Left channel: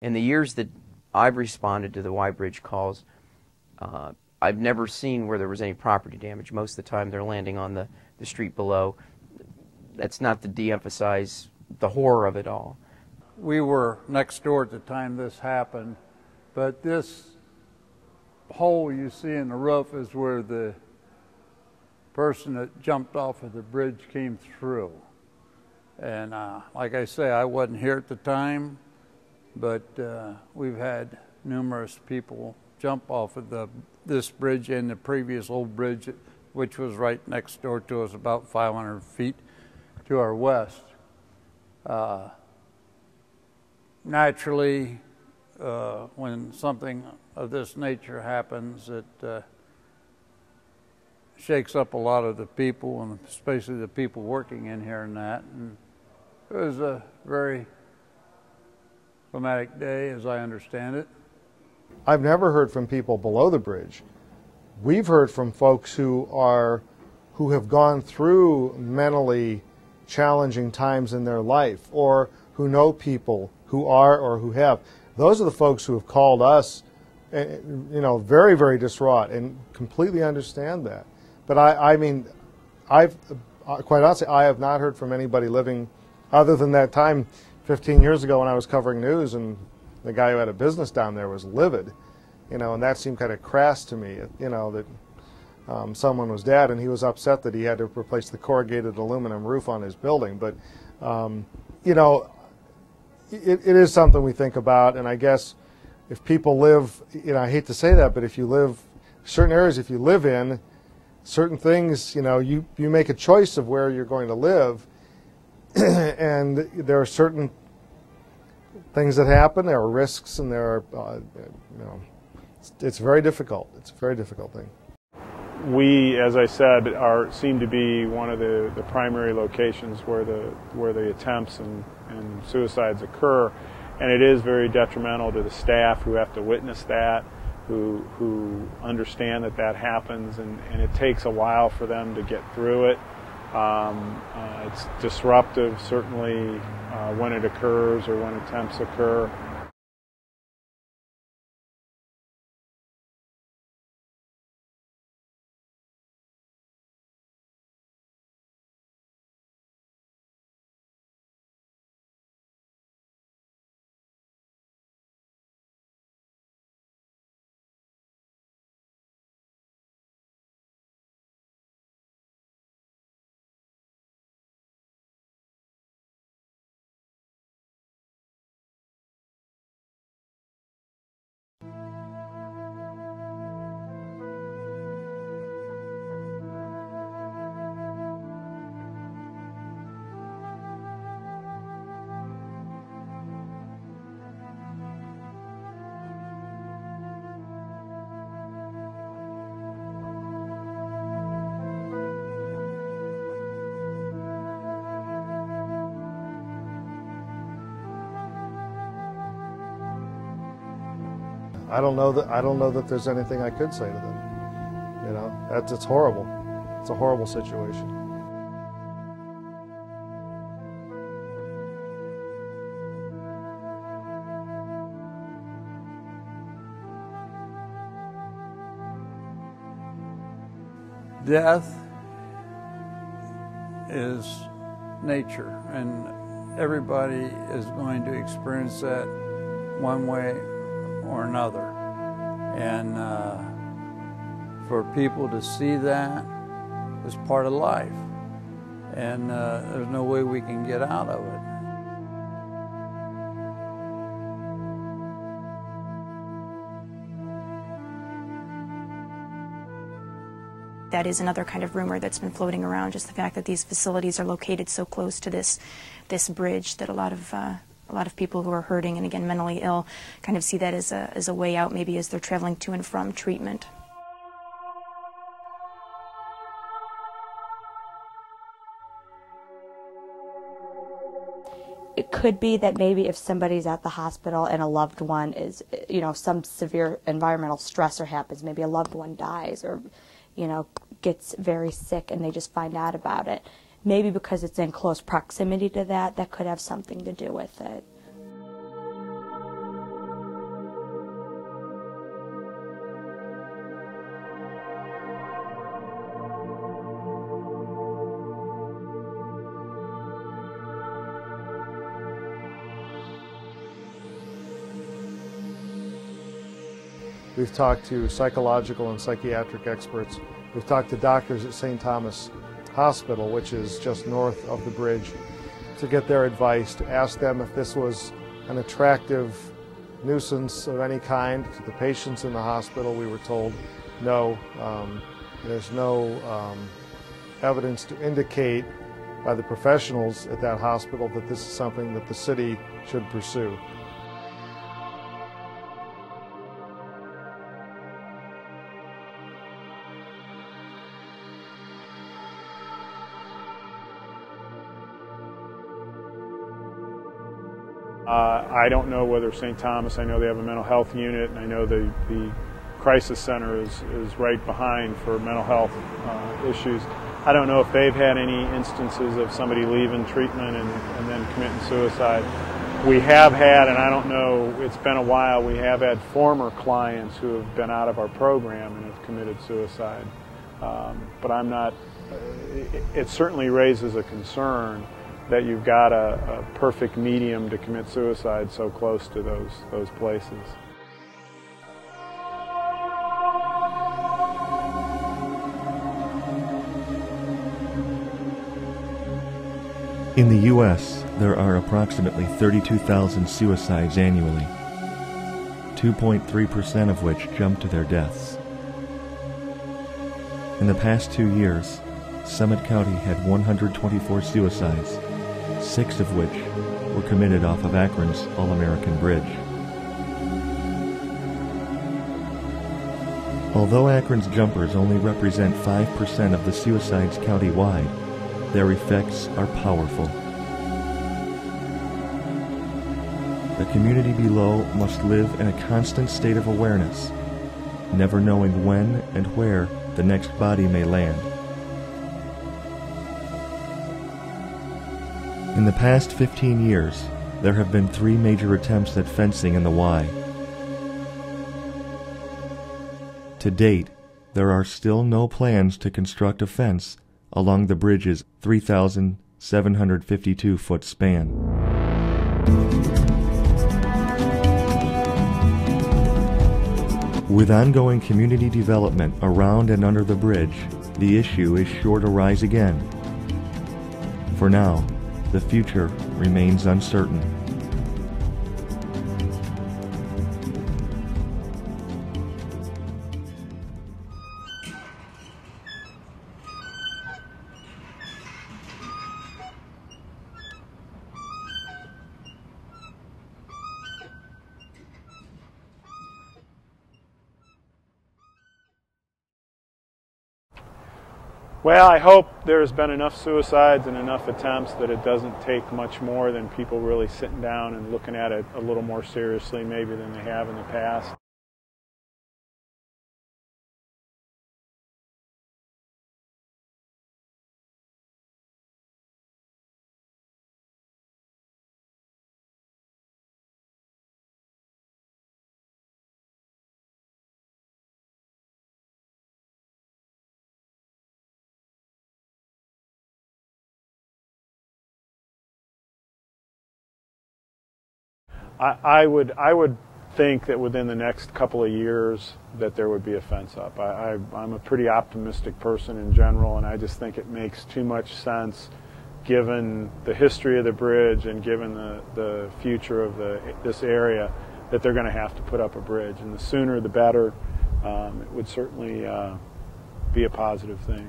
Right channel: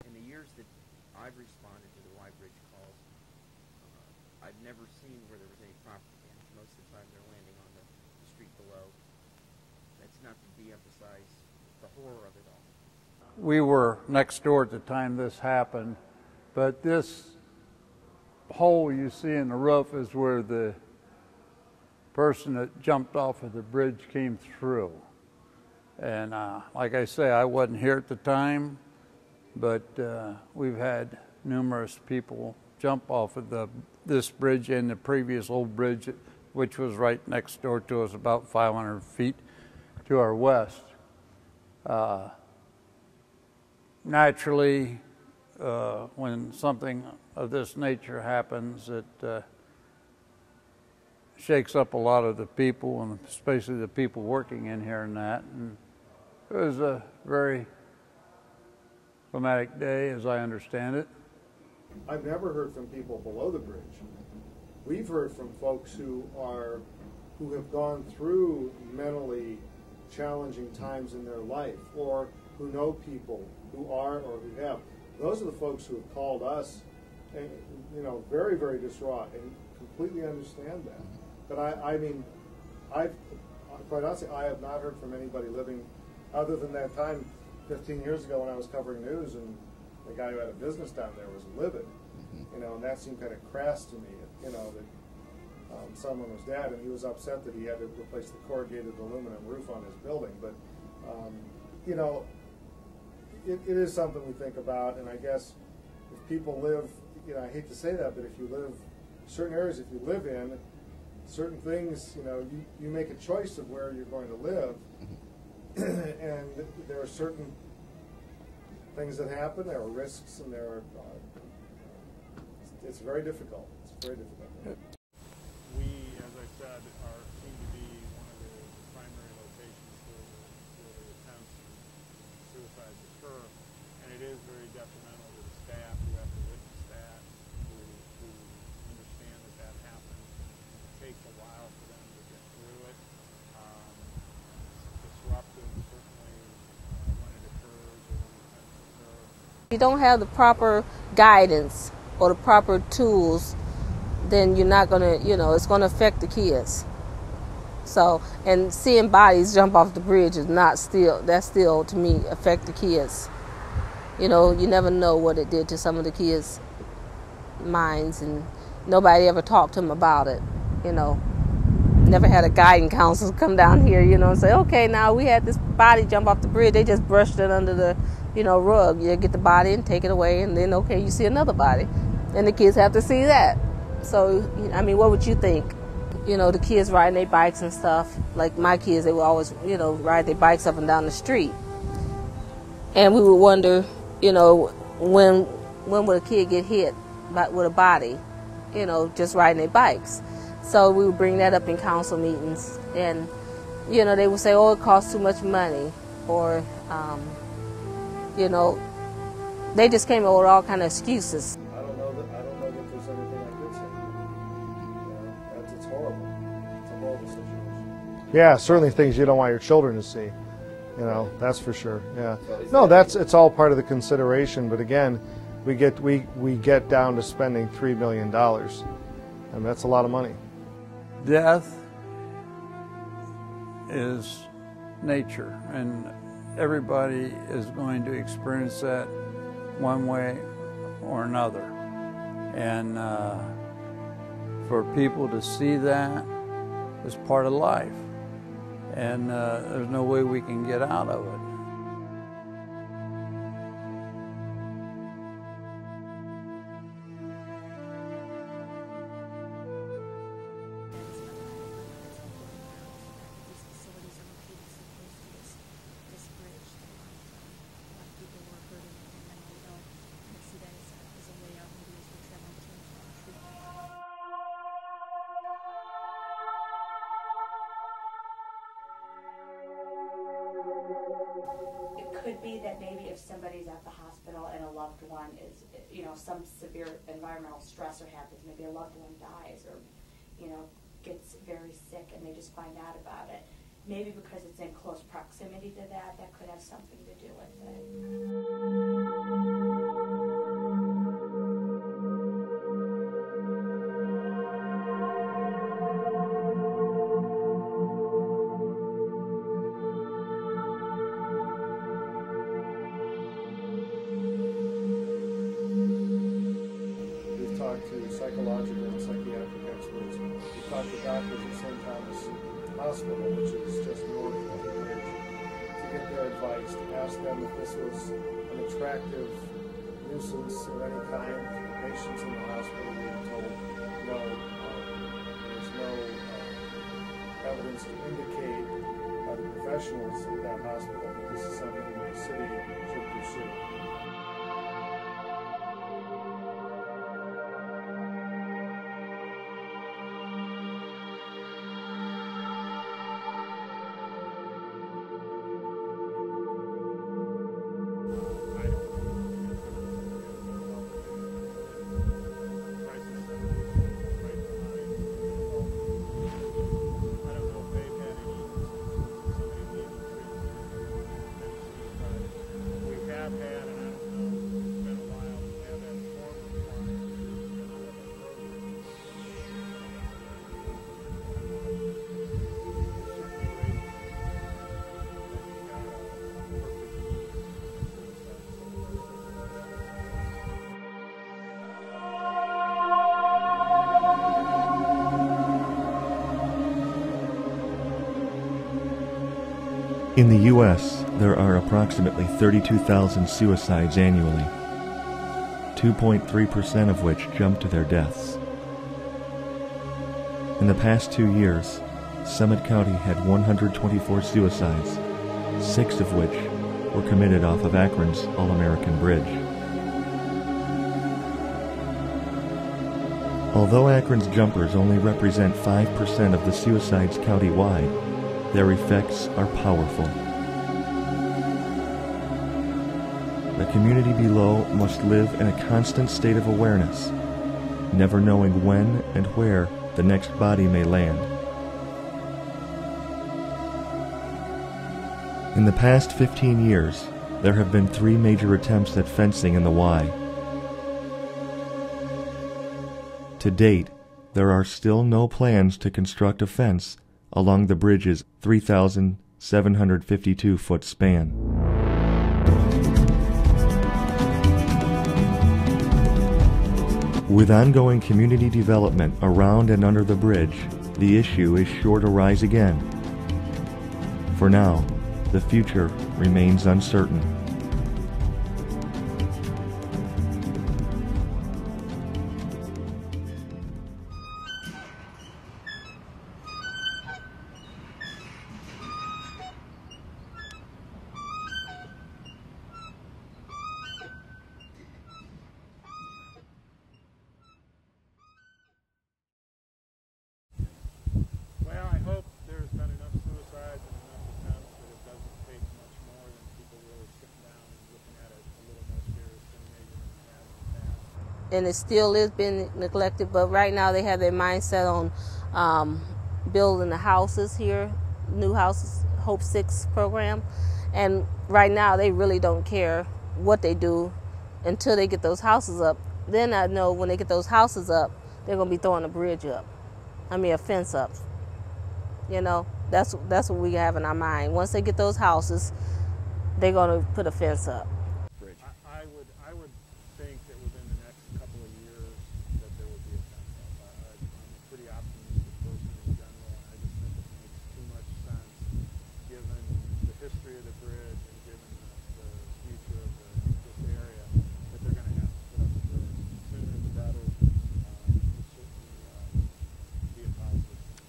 In the years that I've responded to the Y-Bridge calls, I've never seen where there was any property damage. Most of the time they're landing on the street below. That's not to de-emphasize the horror of it all. We were next door at the time this happened, but this hole you see in the roof is where the person that jumped off of the bridge came through. And like I say, I wasn't here at the time, but we've had numerous people jump off of this bridge and the previous old bridge, which was right next door to us, about 500 feet to our west. Naturally, when something of this nature happens, it shakes up a lot of the people, and especially the people working in here and that. And it was a very traumatic day, as I understand it. I've never heard from people below the bridge. We've heard from folks who have gone through mentally challenging times in their life, or who know people who are or who have. Those are the folks who have called us, you know, very, very distraught, and completely understand that. But I mean, quite honestly, I have not heard from anybody living, other than that time 15 years ago when I was covering news, and the guy who had a business down there was livid, you know, and that seemed kind of crass to me, you know, that someone was dead, and he was upset that he had to replace the corrugated aluminum roof on his building. But, you know, it is something we think about, and I guess if people live, you know, I hate to say that, but if you live, certain areas, if you live in, certain things, you know, you make a choice of where you're going to live, and there are certain things that happen, there are risks, and there are, you know, it's very difficult. It's a very difficult thing. We, as I said, seem to be one of the primary locations where the attempts and suicides occur, and it is very detrimental to the staff who have to witness that, who understand that happens, and it takes a while for them to get through it. It's disruptive, certainly, when it occurs or when attempts occur. If you don't have the proper guidance or the proper tools, then you're not going to, you know, it's going to affect the kids. So, and seeing bodies jump off the bridge is that still, to me, affect the kids. You know, you never know what it did to some of the kids' minds, and nobody ever talked to them about it, you know. Never had a guidance counselor come down here, you know, and say, okay, now we had this body jump off the bridge. They just brushed it under the, you know, rug. You get the body and take it away, and then, okay, you see another body. And the kids have to see that. So, I mean, what would you think? You know, the kids riding their bikes and stuff. Like my kids, they would always, you know, ride their bikes up and down the street. And we would wonder, you know, when would a kid get hit with a body, you know, just riding their bikes. So we would bring that up in council meetings, and, you know, they would say, oh, it costs too much money, or, you know, they just came up with all kind of excuses. I don't know that there's anything I could say to them. You know, it's horrible. It's a horrible situation. Yeah, certainly things you don't want your children to see. You know, that's for sure. Yeah. No, it's all part of the consideration. But again, we get down to spending $3 million, and that's a lot of money. Death is nature, and everybody is going to experience that one way or another. And for people to see that is part of life, and there's no way we can get out of it. That is another kind of rumor that's been floating around, just the fact that these facilities are located so close to this bridge that a lot of people who are hurting and, again, mentally ill kind of see that as a way out, maybe as they're traveling to and from treatment. It could be that maybe if somebody's at the hospital and a loved one is, you know, some severe environmental stressor happens, maybe a loved one dies or, you know, gets very sick and they just find out about it. Maybe because it's in close proximity to that could have something to do with it. We've talked to psychological and psychiatric experts. We've talked to doctors at St. Thomas Hospital, which is just north of the bridge, to get their advice, to ask them if this was an attractive nuisance of any kind to the patients in the hospital. We were told no. There's no evidence to indicate by the professionals at that hospital that this is something that the city should pursue. I don't know whether St. Thomas, I know they have a mental health unit, and I know the crisis center is right behind for mental health issues. I don't know if they've had any instances of somebody leaving treatment and then committing suicide. We have had, and I don't know, it's been a while, we have had former clients who have been out of our program and have committed suicide. But I'm not, it certainly raises a concern that you've got a perfect medium to commit suicide so close to those places. In the U.S., there are approximately 32,000 suicides annually, 2.3% of which jump to their deaths. In the past 2 years, Summit County had 124 suicides, 6 of which were committed off of Akron's All-American Bridge. Although Akron's jumpers only represent 5% of the suicides countywide, their effects are powerful. The community below must live in a constant state of awareness, never knowing when and where the next body may land. In the past 15 years, there have been 3 major attempts at fencing in the Y. To date, there are still no plans to construct a fence along the bridge's 3,752-foot span. With ongoing community development around and under the bridge, the issue is sure to rise again. For now, the future remains uncertain. Well, I hope there's been enough suicides and enough attempts that it doesn't take much more than people really sitting down and looking at it a little more seriously maybe than they have in the past. And it still is being neglected, but right now they have their mindset on building the houses here, new houses, Hope 6 program. And right now they really don't care what they do until they get those houses up. Then I know when they get those houses up, they're going to be throwing a bridge up. A fence up. You know, that's what we have in our mind. Once they get those houses, they're going to put a fence up. I would think that within the next couple of years that there would be a fence up. I'm a pretty optimistic person in general, and I just think it makes too much sense given the history of the bridge and given the future of this area that they're going to have to put up a bridge. And the sooner the better. It would certainly be a positive thing.